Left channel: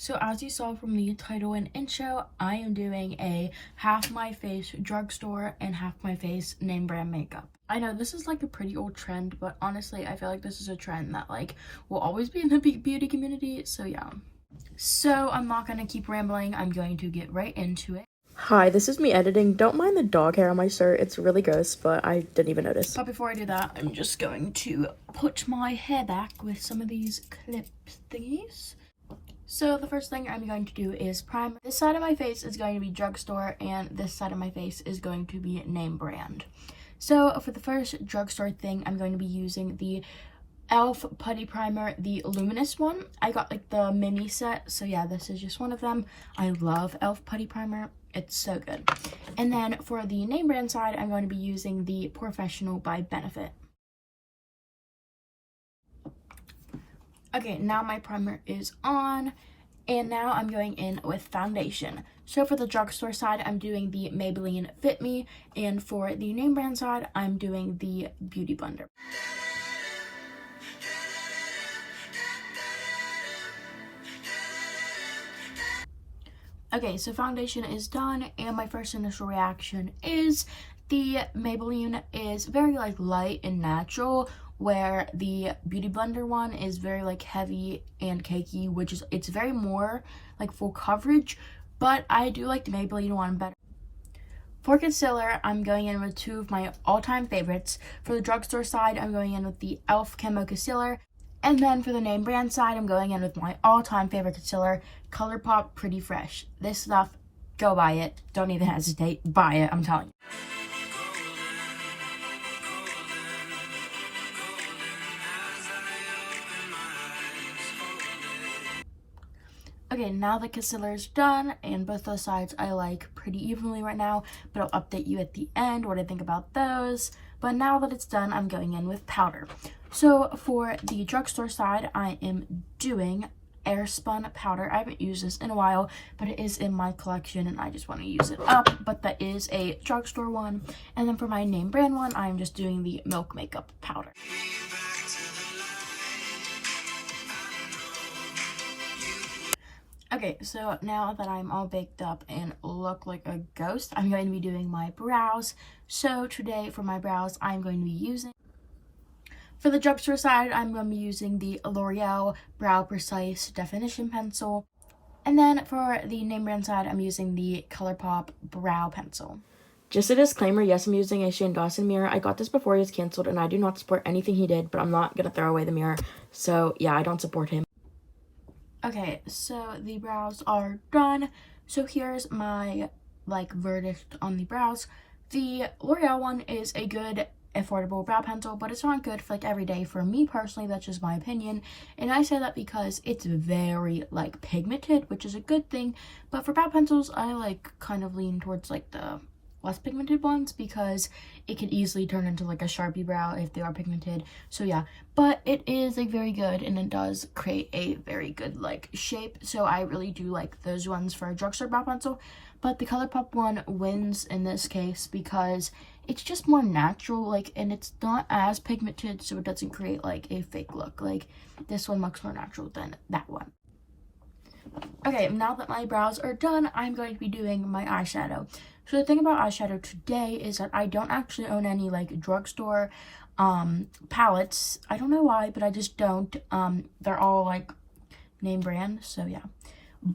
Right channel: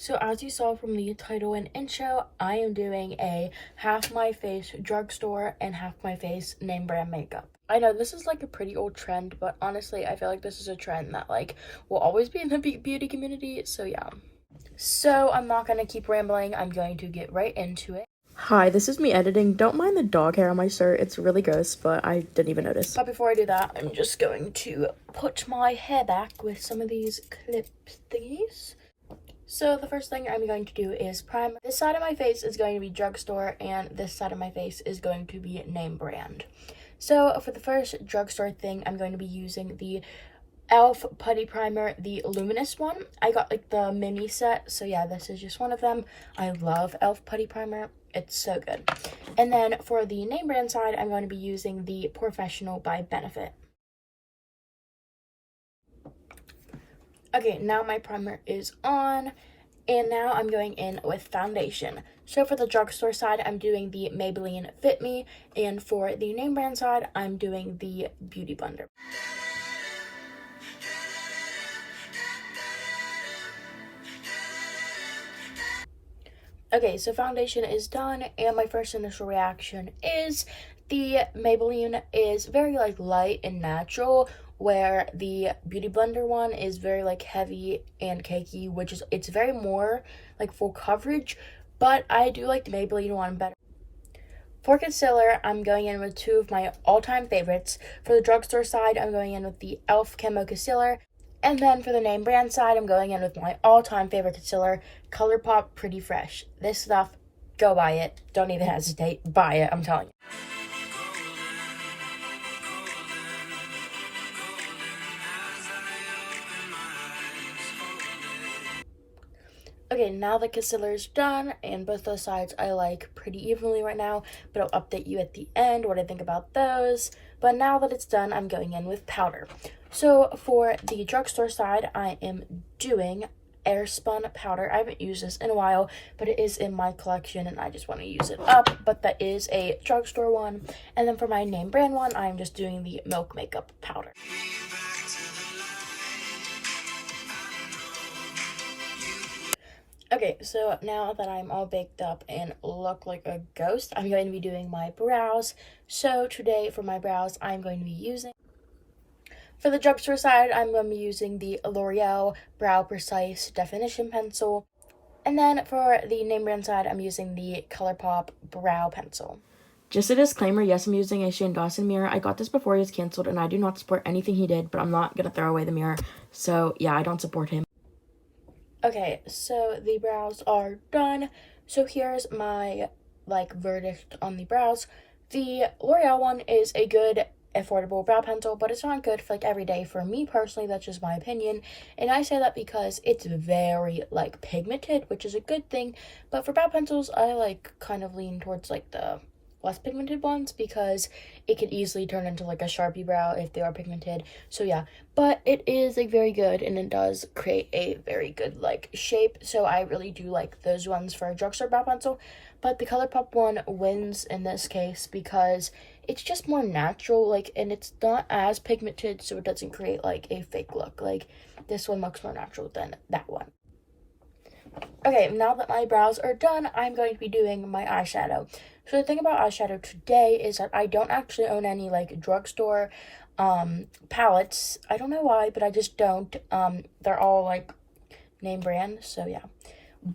So as you saw from the title and intro, I am doing a half my face drugstore and half my face name brand makeup. I know this is like a pretty old trend, but honestly, I feel like this is a trend that like will always be in the beauty community. So yeah. So I'm not gonna keep rambling. I'm going to get right into it. Hi, this is me editing. Don't mind the dog hair on my shirt. It's really gross, but I didn't even notice. But before I do that, I'm just going to put my hair back with some of these clip thingies. So the first thing I'm going to do is prime. This side of my face is going to be drugstore and this side of my face is going to be name brand. So for the first drugstore thing, I'm going to be using the e.l.f. putty primer, the luminous one. I got like the mini set, so yeah, this is just one of them. I love e.l.f. putty primer. It's so good. And then for the name brand side, I'm going to be using the Professional by Benefit. Okay, now my primer is on, and now I'm going in with foundation. So for the drugstore side, I'm doing the Maybelline Fit Me, and for the name brand side, I'm doing the Beauty Blender. Okay, so foundation is done, and my first initial reaction is the Maybelline is very like light and natural, where the Beauty Blender one is very like heavy and cakey, which is it's very more like full coverage, but I do like the Maybelline one better. For concealer, I'm going in with two of my all-time favorites. For the drugstore side, I'm going in with the e.l.f. Camo Concealer. And then for the name brand side, I'm going in with my all-time favorite concealer, ColourPop Pretty Fresh. This stuff, go buy it. Don't even hesitate. Buy it, I'm telling you. Okay, now the concealer is done, and both those sides I like pretty evenly right now, but I'll update you at the end what I think about those. But now that it's done, I'm going in with powder. So for the drugstore side, I am doing Airspun powder. I haven't used this in a while, but it is in my collection and I just want to use it up, but that is a drugstore one. And then for my name brand one, I'm just doing the Milk Makeup powder. Okay, so now that I'm all baked up and look like a ghost, I'm going to be doing my brows. So today for my brows, I'm going to be using, for the drugstore side, I'm going to be using the L'Oreal Brow Precise Definition Pencil. And then for the name brand side, I'm using the ColourPop Brow Pencil. Just a disclaimer, yes, I'm using a Shane Dawson mirror. I got this before he was canceled, and I do not support anything he did, but I'm not going to throw away the mirror. So yeah, I don't support him. Okay, so the brows are done. So here's my like verdict on the brows. The L'Oreal one is a good affordable brow pencil, but it's not good for like every day. For me personally, that's just my opinion, and I say that because it's very like pigmented, which is a good thing. But for brow pencils, I like kind of lean towards like the less pigmented ones because it can easily turn into like a Sharpie brow if they are pigmented. So yeah, but it is like very good and it does create a very good like shape. So I really do like those ones for a drugstore brow pencil. But the ColourPop one wins in this case because it's just more natural, like, and it's not as pigmented, so it doesn't create like a fake look. Like this one looks more natural than that one. Okay, now that my brows are done, I'm going to be doing my eyeshadow. So the thing about eyeshadow today is that I don't actually own any like drugstore palettes. I don't know why, but I just don't. They're all like name brand, so yeah.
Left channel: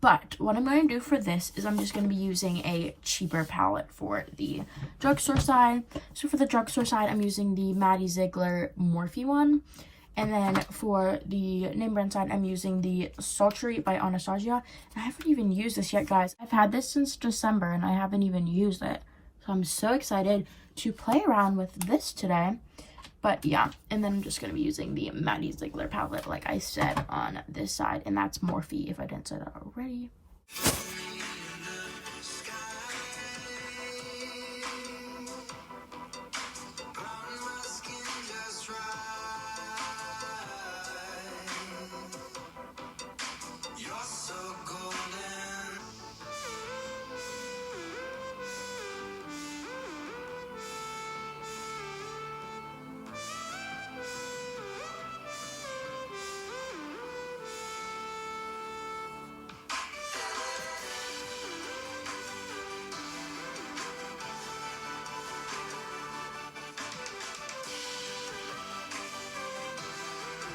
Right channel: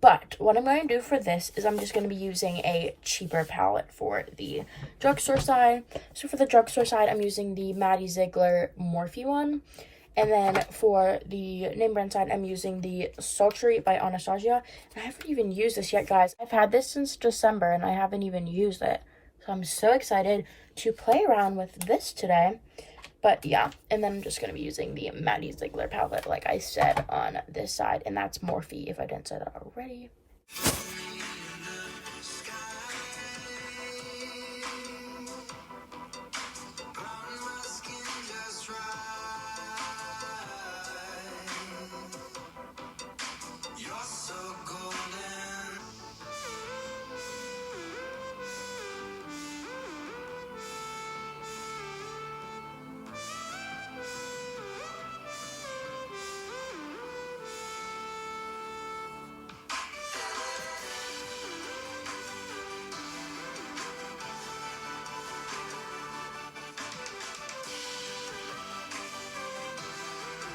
But what I'm going to do for this is I'm just going to be using a cheaper palette for the drugstore side. So for the drugstore side, I'm using the Maddie Ziegler Morphe one. And then for the name brand side, I'm using the Sultry by Anastasia. And I haven't even used this yet, guys. I've had this since December and I haven't even used it. So I'm so excited to play around with this today. But yeah, and then I'm just going to be using the Maddie Ziegler palette, like I said, on this side. And that's Morphe, if I didn't say that already.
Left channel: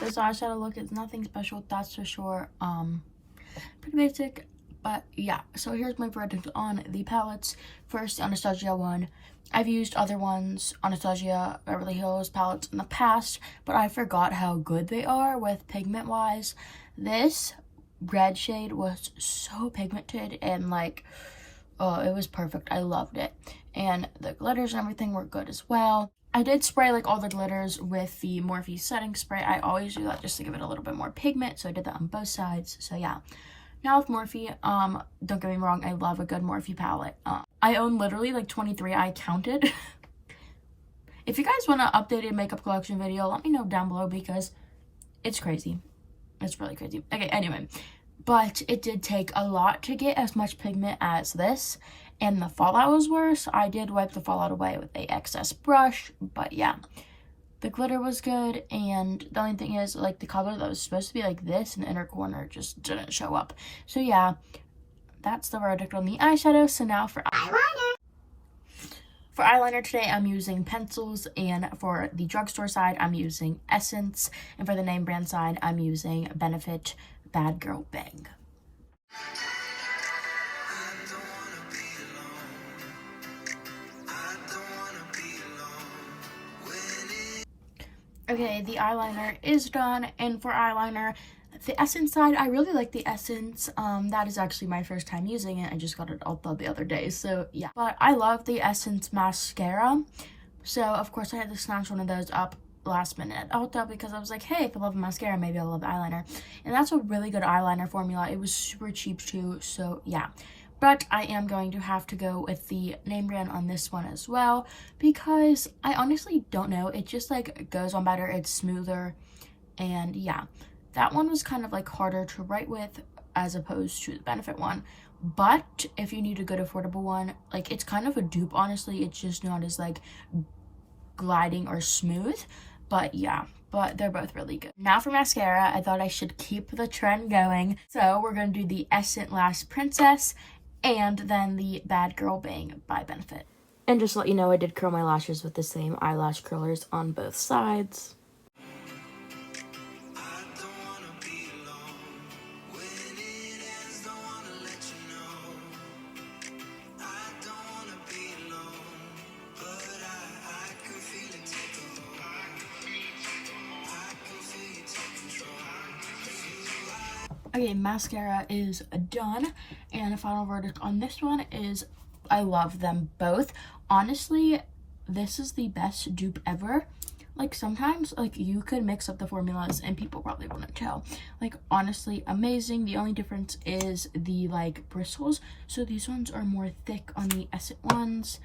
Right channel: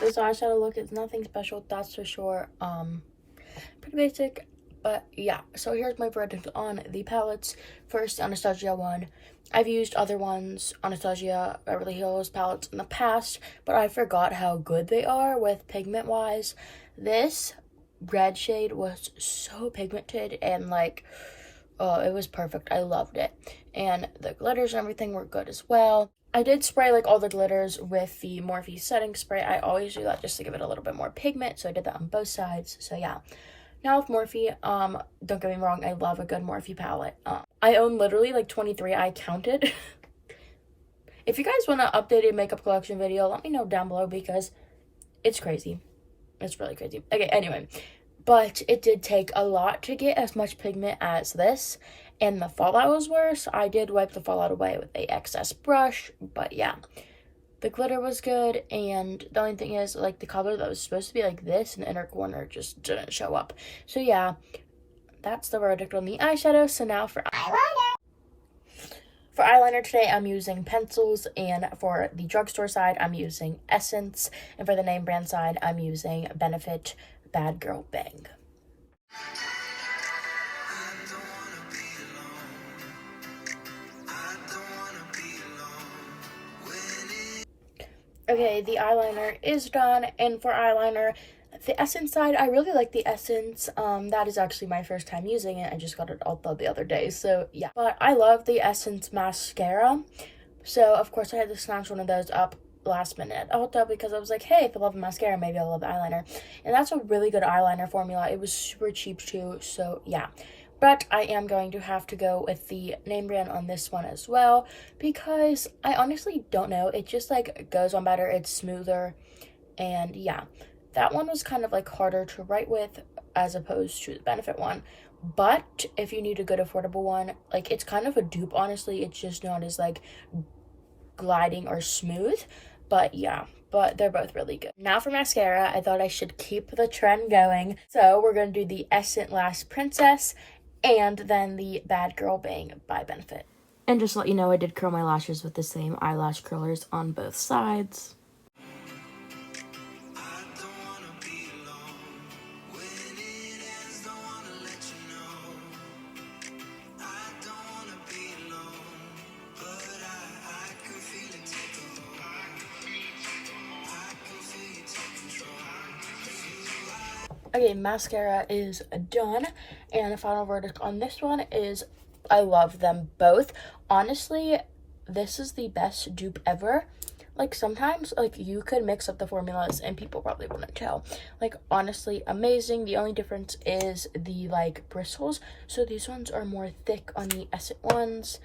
This eyeshadow look is nothing special, that's for sure. Pretty basic, but yeah. So here's my verdict on the palettes. First, the Anastasia one. I've used other ones, Anastasia, Beverly Hills palettes in the past, but I forgot how good they are with pigment wise. This red shade was so pigmented and like, oh, it was perfect. I loved it. And the glitters and everything were good as well. I did spray like all the glitters with the Morphe setting spray. I always do that just to give it a little bit more pigment, so I did that on both sides. So yeah. Now with Morphe, don't get me wrong, I love a good Morphe palette. I own literally like 23, I counted. If you guys want an updated makeup collection video, let me know down below because it's crazy. It's really crazy. Okay, anyway. But it did take a lot to get as much pigment as this. And the fallout was worse. I did wipe the fallout away with a excess brush. But yeah. The glitter was good, and the only thing is, like, the color that was supposed to be like this in the inner corner just didn't show up. So yeah, that's the verdict on the eyeshadow. So now for eyeliner. For eyeliner today, I'm using pencils, and for the drugstore side, I'm using Essence, and for the name brand side, I'm using Benefit Bad Girl Bang. Okay, the eyeliner is done, and for eyeliner, the Essence side, I really like the Essence. That is actually my first time using it. I just got it Ulta the other day, so yeah. But I love the Essence mascara, so of course I had to snatch one of those up last minute at Ulta because I was like, hey, if I love mascara, maybe I'll love eyeliner. And that's a really good eyeliner formula. It was super cheap too, so yeah. But I am going to have to go with the name brand on this one as well because I honestly don't know. It just like goes on better. It's smoother. And yeah, that one was kind of like harder to write with as opposed to the Benefit one. But if you need a good affordable one, like it's kind of a dupe, honestly. It's just not as like gliding or smooth. But yeah, but they're both really good. Now for mascara, I thought I should keep the trend going. So we're going to do the Essence Lash Princess and then the Bad Girl Bang by Benefit. And just to let you know, I did curl my lashes with the same eyelash curlers on both sides. Okay, mascara is done, and the final verdict on this one is I love them both. Honestly, this is the best dupe ever. Like, sometimes, like, you could mix up the formulas and people probably wouldn't tell. Like, honestly, amazing. The only difference is the, like, bristles. So these ones are more thick on the Essence ones,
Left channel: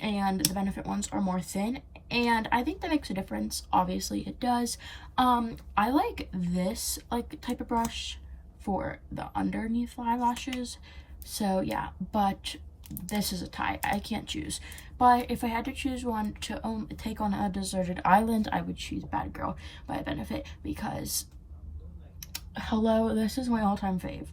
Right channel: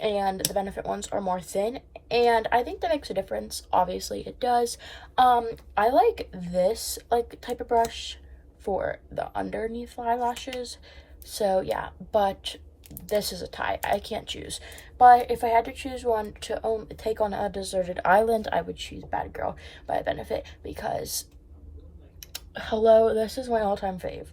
and the Benefit ones are more thin, and I think that makes a difference. Obviously it does. I like this like type of brush for the underneath eyelashes, so yeah, but this is a tie. I can't choose, but if I had to choose one to take on a deserted island, I would choose Bad Girl by Benefit because hello, this is my all-time fave.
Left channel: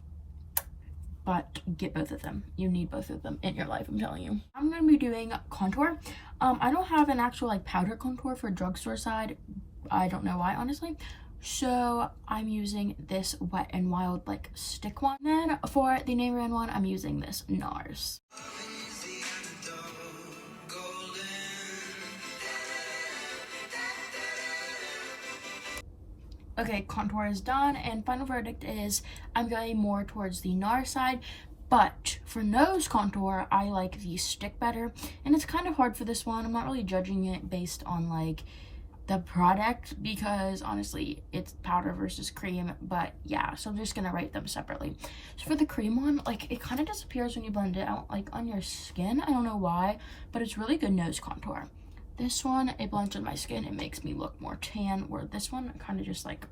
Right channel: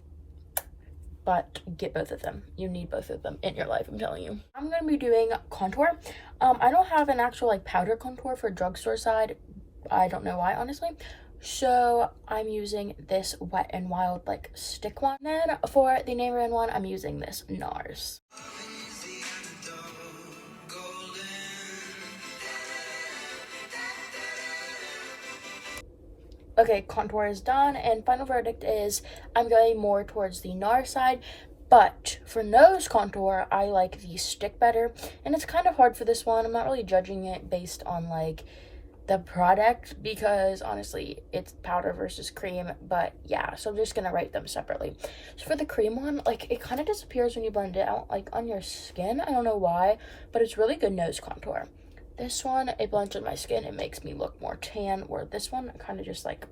But get both of them. You need both of them in your life, I'm telling you. I'm going to be doing contour. I don't have an actual like powder contour for drugstore side. I don't know why, honestly. So I'm using this Wet n Wild like stick one. Then for the name brand one, I'm using this NARS. Okay, contour is done, and final verdict is I'm going more towards the NARS side, but for nose contour, I like the stick better, and it's kind of hard for this one. I'm not really judging it based on, like, the product, because, honestly, it's powder versus cream, but, yeah, so I'm just gonna rate them separately. So for the cream one, like, it kind of disappears when you blend it out, like, on your skin. I don't know why, but it's really good nose contour. This one, it blends on my skin. It makes me look more tan, where this one kind of just, like,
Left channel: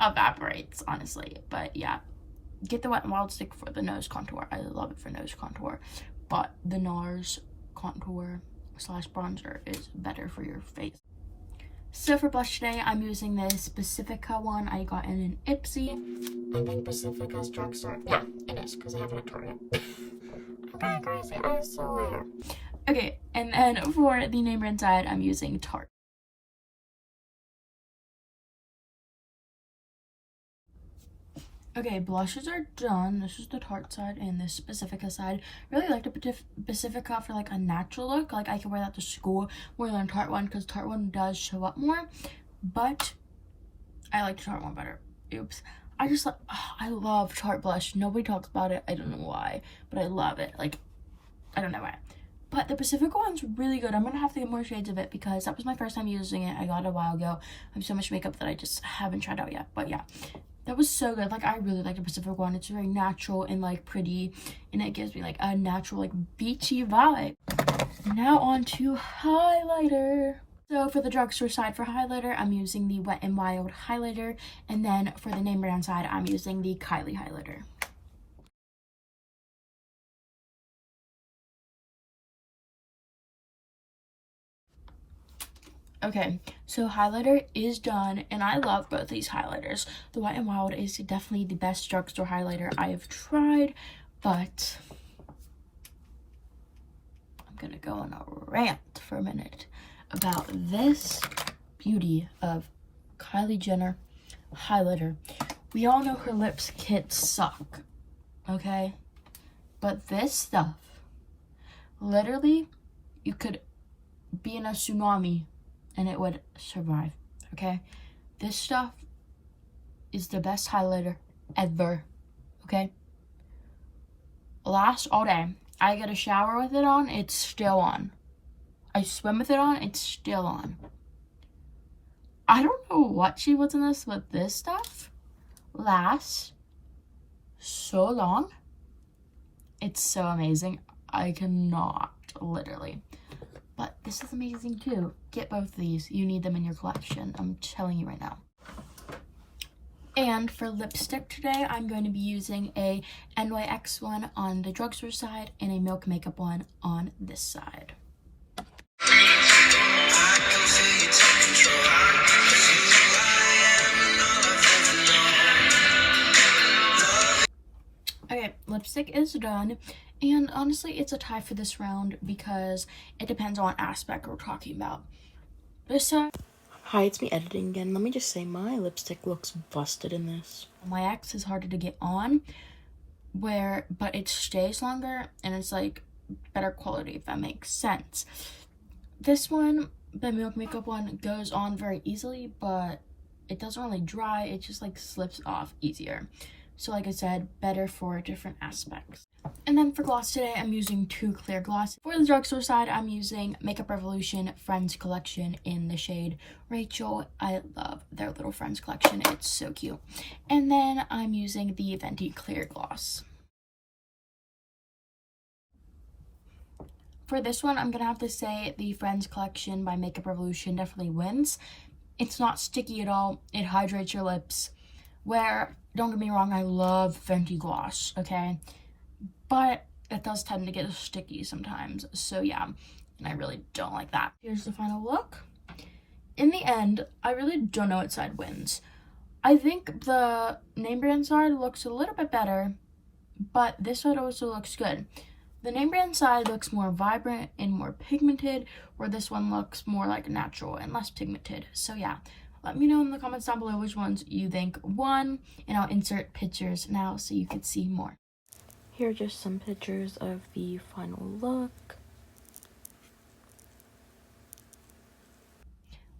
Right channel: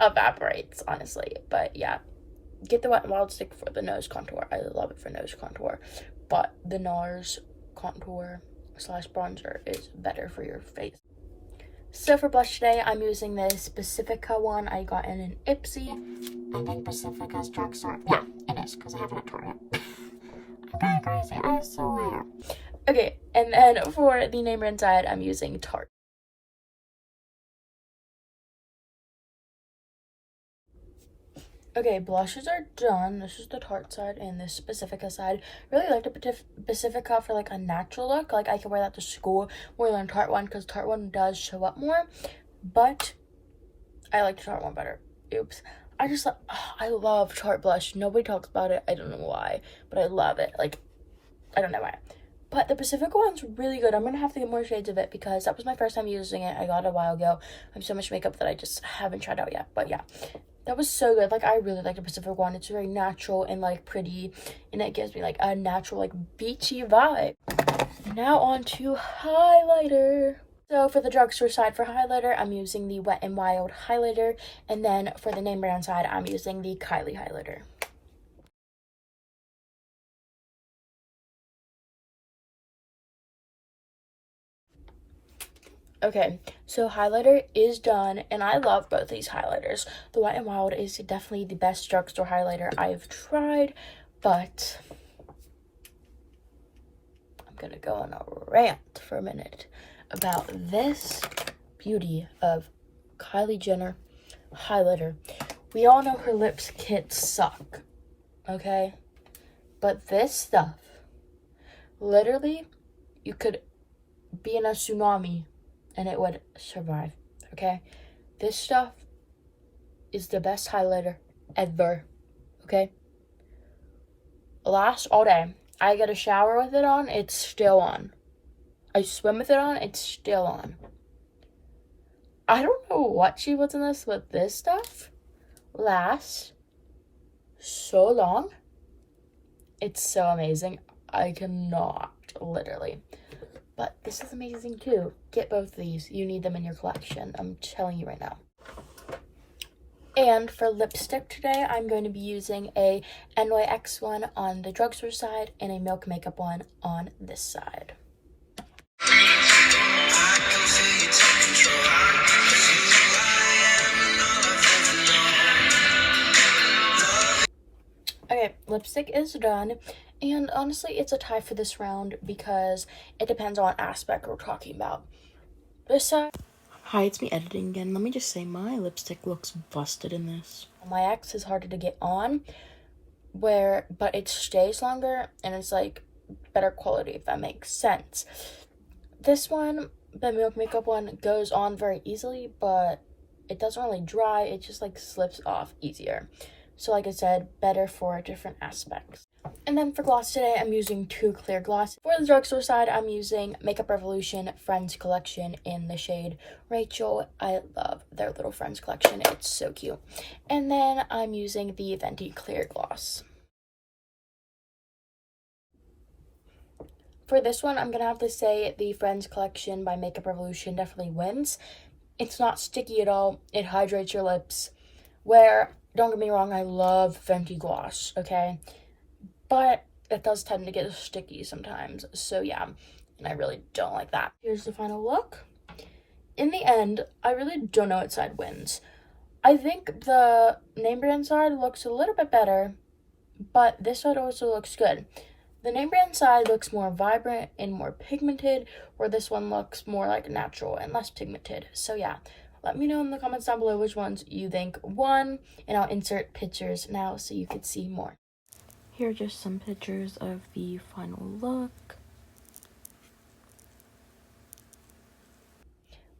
evaporates, honestly. But, yeah, get the Wet n Wild stick for the nose contour. I love it for nose contour. But the NARS contour slash bronzer is better for your face. So for blush today, I'm using this Pacifica one I got in an Ipsy. I think Pacifica's Drugstore. Yeah, it is, because I haven't had Tor yet. I'm going crazy, I swear. Okay, and then for the name brand side, I'm using Tarte. Okay, blushes are done. This is the Tarte side and this Pacifica side. Really like the Pacifica for like a natural look. Like I can wear that to school more than Tarte one because Tarte one does show up more. But I like the Tarte one better. Oops. I love Tarte blush. Nobody talks about it. I don't know why, but I love it. Like, I don't know why. But the Pacifica one's really good. I'm gonna have to get more shades of it because that was my first time using it. I got it a while ago. I have so much makeup that I just haven't tried out yet. But yeah, that was so good. Like, I really like the Pacific one. It's very natural and like pretty, and it gives me like a natural like beachy vibe. Now on to highlighter. So for the drugstore side for highlighter, I'm using the Wet n Wild highlighter, and then for the name brand side, I'm using the Kylie highlighter. Okay, so highlighter is done, and I love both these highlighters. The Wet n Wild is definitely the best drugstore highlighter I've tried, but I'm gonna go on a rant for a minute about this beauty of Kylie Jenner highlighter. We all know her lips kits suck, okay? But this stuff, literally, you could be in a tsunami and it would survive, okay? This stuff is the best highlighter ever, okay? Lasts all day. I get a shower with it on, it's still on. I swim with it on, it's still on. I don't know what she was in this, but this stuff lasts so long. It's so amazing. I cannot, literally. But this is amazing too. Get both of these. You need them in your collection. I'm telling you right now. And for lipstick today, I'm going to be using a NYX one on the drugstore side and a Milk Makeup one on this side. Okay, lipstick is done, and honestly, it's a tie for this round because it depends on what aspect we're talking about. This side... Hi, it's me editing again. Let me just say my lipstick looks busted in this. My X is harder to get on, but it stays longer, and it's like better quality, if that makes sense. This one, the Milk Makeup one, goes on very easily, but it doesn't really dry. It just like slips off easier. So like I said, better for different aspects. And then for gloss today, I'm using two clear gloss. For the drugstore side, I'm using Makeup Revolution Friends Collection in the shade Rachel. I love their little Friends collection. It's so cute. And then I'm using the Venti Clear Gloss. For this one, I'm going to have to say the Friends collection by Makeup Revolution definitely wins. It's not sticky at all. It hydrates your lips. Where, don't get me wrong, I love Venti gloss, okay? But it does tend to get sticky sometimes. So yeah, and I really don't like that. Here's the final look. In the end, I really don't know what side wins. I think the name brand side looks a little bit better, but this side also looks good. The name brand side looks more vibrant and more pigmented, where this one looks more like natural and less pigmented. So yeah, let me know in the comments down below which ones you think won, and I'll insert pictures now so you can see more. Here are just some pictures of the final look.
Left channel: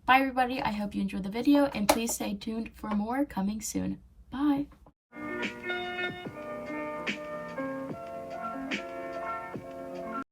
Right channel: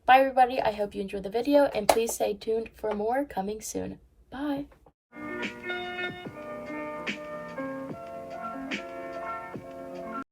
Bye everybody, I hope you enjoyed the video, and please stay tuned for more coming soon. Bye!